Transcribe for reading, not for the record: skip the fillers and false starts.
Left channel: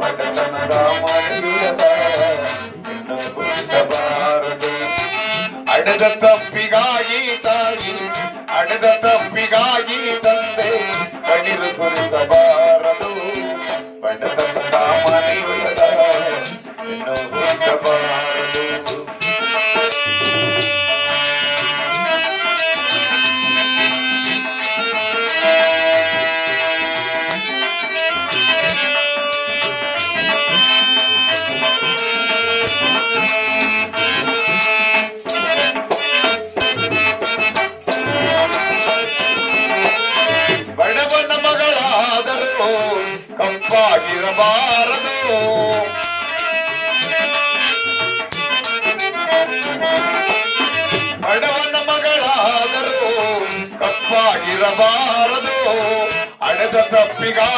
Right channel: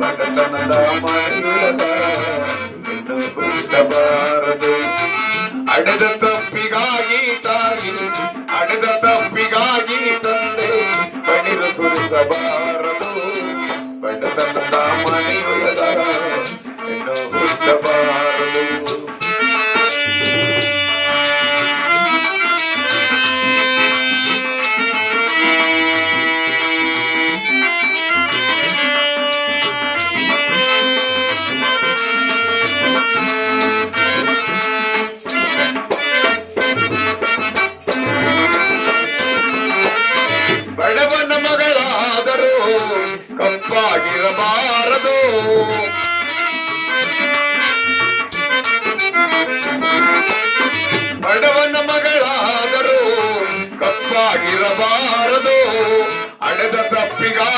ಬಡತನದ ಮನೆಯುಳಗ ಹೆಣ್ಣು ಹುಟ್ಟಬಾರದು. ಅಡೆದ ತಪ್ಪಿಗಾಗಿ ತಾಯಿ, ಅಡೆದ ತಪ್ಪಿಗಾಗಿ ತಂದೆ ಕಣ್ಣೀರು ಸುರಿಸಬಾರದು. ಬಡತನದ ಮನೆಯುಳಗ ಹೆಣ್ಣು ಹುಟ್ಟಬಾರದು. ಬಡವನ ಮಗಳಾದರೂ ಕಪ್ಪಾಗಿರಬಾರದು. ಬಡವನ ಮಗಳಾದರೂ ಕಪ್ಪಾಗಿರಬಾರದು. ಅಡೆದ ತಪ್ಪಿಗಾಗಿ